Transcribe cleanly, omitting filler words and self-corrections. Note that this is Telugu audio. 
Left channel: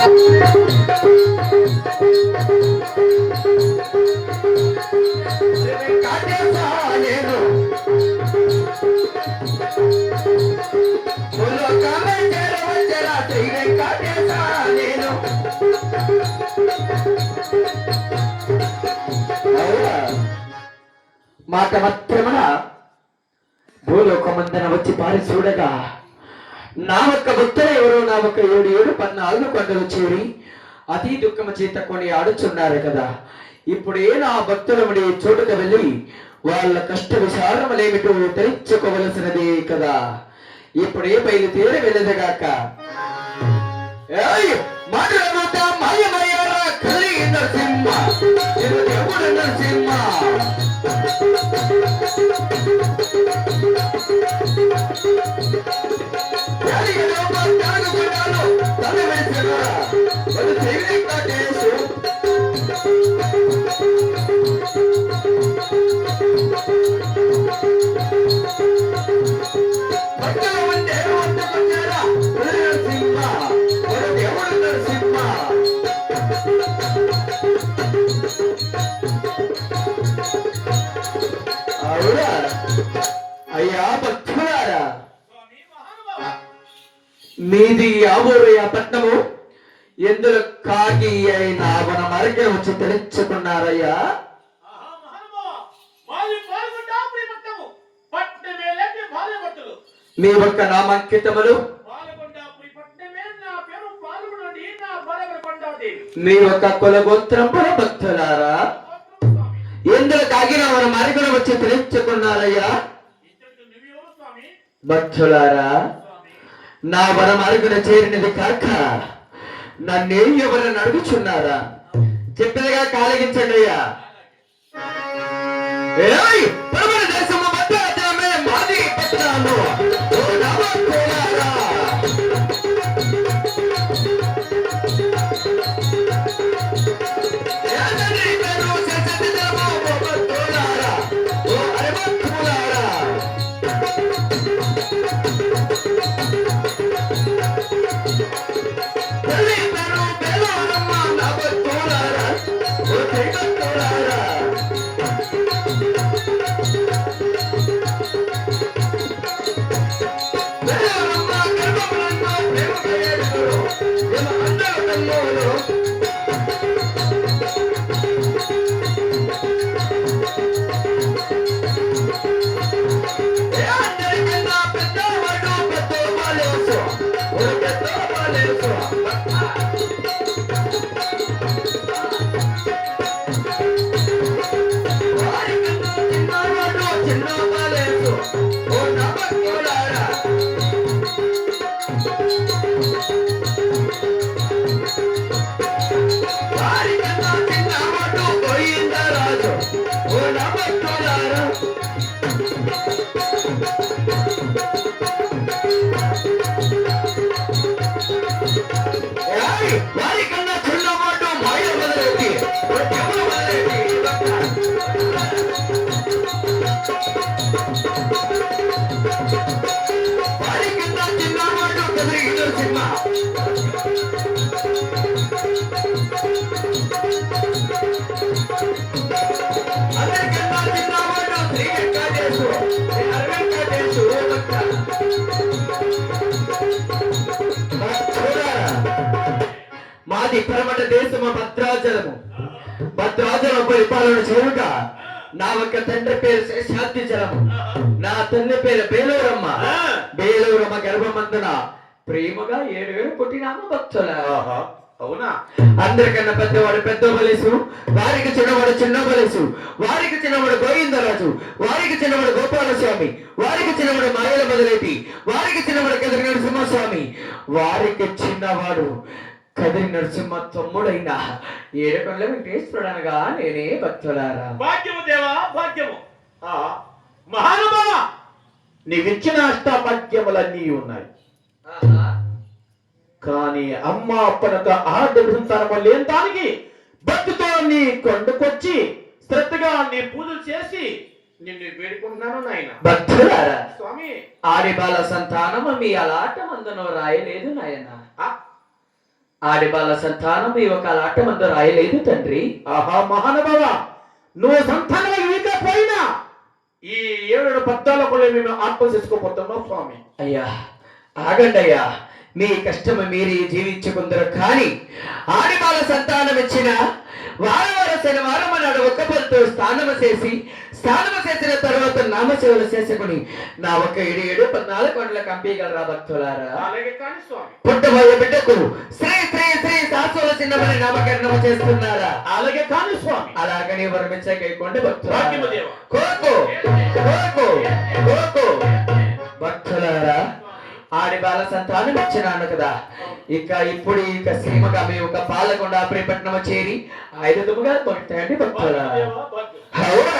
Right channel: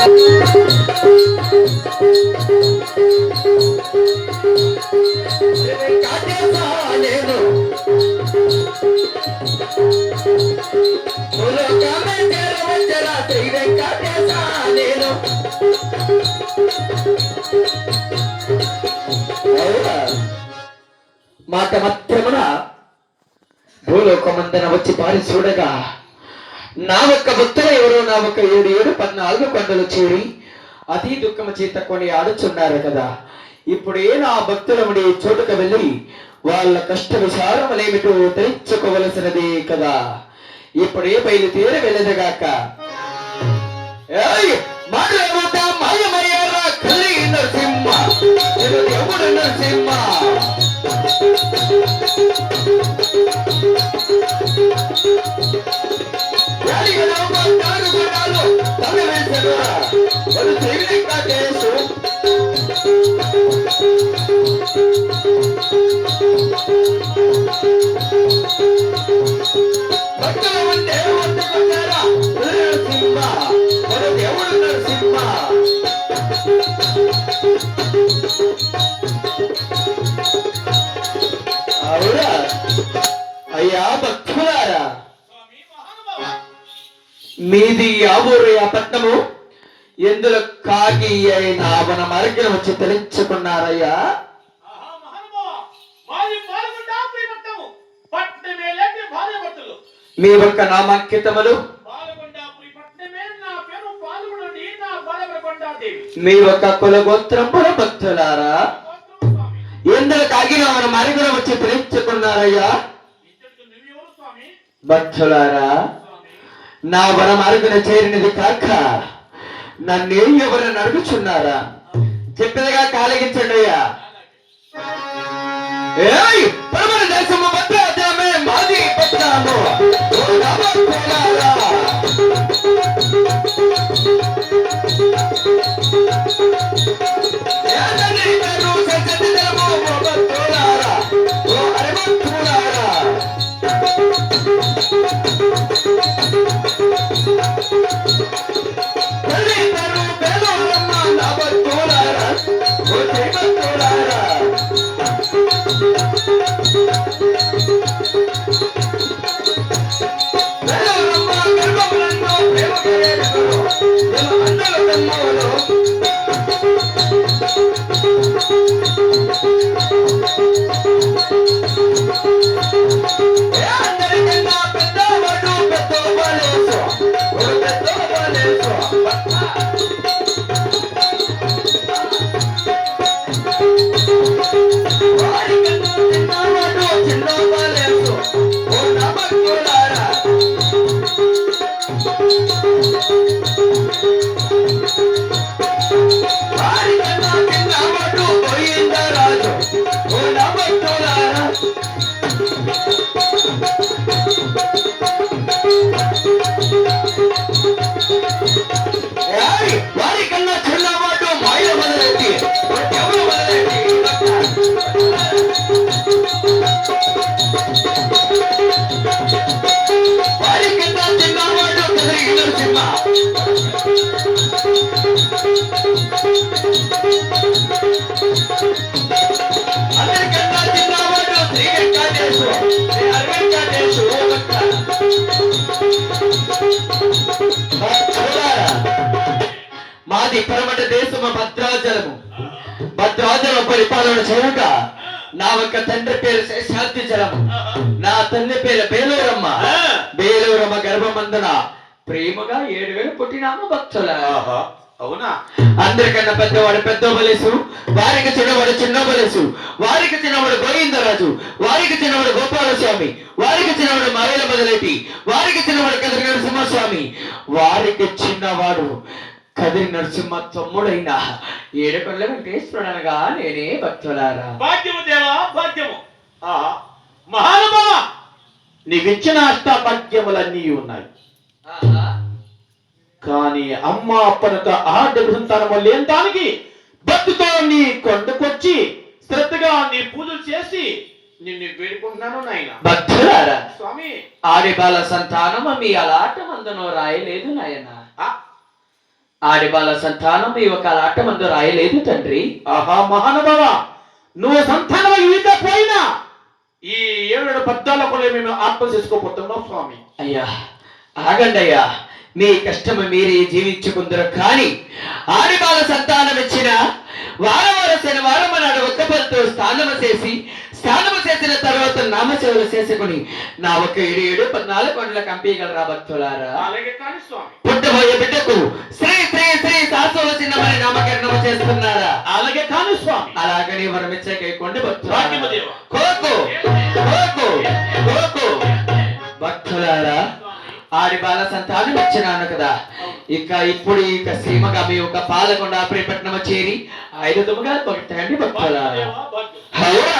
మాట మాత్రమున భూలోకమందన వచ్చి పారి చూడగా నా ఒక్క భక్తులు ఎవరో నా ఒక్క 7 కొండలు చేరి అతి దుఃఖము చేత కొని ఆడుచున్నారు కదా. ఇప్పుడే నా భక్తులముడి చోటుకు వెళ్ళి వాళ్ళ కష్ట విచారములేమిటో తెలుసుకోవలసినదే కదా. ఇప్పుడే బయలుదేరి వెళ్ళదగాక. మాయమయ్యారా కలిగి నరసింహ, ఎవడు నరసింహ? అయ్యా భక్తులారా, మీది ఆబూరయ్య పట్నము ఎందులో కాకి అయిన మన మరిగిన వచ్చి తెలుసుకున్నారయ్యా? మీ యొక్క నామాంకితములు, మీ యొక్క కులగోత్రముల భక్తులారా ఎందులో కాకిన మన మరిగిన వచ్చి తెలుసుకున్నారయ్యా? భక్తులారా, నా వరం అరుగున చేరినది కాక నన్నే ఎవరు నడుగుచున్నారా? చెప్పినగా కాలగించండి అయ్యా. దేశము భద్రాచలమే మాది పట్టాను. మాది పరమట దేశము భద్రాచలము. భద్రాచలం పరిపాలన చేయుట నా ఒక తండ్రి పేరు శేషాద్రిచలము, నా తల్లి పేరు బేలూరమ్మ. బేలూరమ్మ గర్భమందున ప్రేమగా 7,000 పుట్టినాము భక్తుల. అవునా? అందరికన్నా పెద్దవాడు పెద్ద బలేసు, వారికి చిన్నవాడు చిన్న బలేసు, వారికి చిన్నవాడు గోవిందరాజు, వారికి చిన్నవాడు గోపాలస్వామి, వారికి చిన్నవాడు మారేల మొదలైతి, వారికి చిన్నవాడు కదిరి నరసింహస్వామి, వారికి చిన్నవాడు కదిరి నరసింహ తమ్ముడైన 7 కొండల వెంకటేశ్వరుడనగా నేనే భక్తులారా. భాగ్యము దేవా భాగ్యము. మహానుభావ, నీవిచ్చిన అష్టాభాగ్యములన్నీ ఉన్నాయి. కానీ అమ్మ అప్పనతో ఆర్డర్ సంతానము లేంతానికి భక్తితో నీ కొండకొచ్చి శ్రద్ధగా నీ పూజలు చేసి నిన్ను వేడుకుంటున్నాను నాయన. భక్తులారా, స్వామి, ఆడి బాల సంతానము మీ అలాట మందును రాయలేదు నాయన. ఆడిబాల సంతానం ఈ ఒక ఆటమందు రాయలేదు తండ్రి. ఆహా మహానుభావ, నువ్వు సంతానం ఇంకా పోయినా ఈ 7 పద్యాలకు మేము ఆత్మ చేసుకోబోతున్నాం స్వామి. అయ్యా ఆగండి అయ్యా, మీ కష్టము మీరే జీవించుకుందరు. కానీ ఆడిబాల సంతానం ఇచ్చిన వారవార శనివారం నాడు ఒక్క పొద్దుతో స్నానము చేసిన తర్వాత నామసేవలు చేసుకుని నా ఒక 7 కొండల కంపీగలరా భక్తులారా. అలాగే కానీ స్వామి. పుట్టబోయే బిడ్డకు శ్రీ శ్రీ శ్రీ శాశ్వత చిన్నమని నామకరణము చేస్తున్నారా. అలాగే కానీ స్వామి. అలాగని వరమిచ్చకేయకుండా భాగ్యము భక్తులారా, దేవా. కోకు కోకు కోకు భక్తులారా, ఆడిబాల సంతానం ఇచ్చినాను కదా, ఇప్పుడు సీమగా మీ ఒక పాలకొండ ప్రేపట్నము చేరి 5 దుముగా భక్తండి భక్తులారా. దేవా, భాగ్యం. అవునా?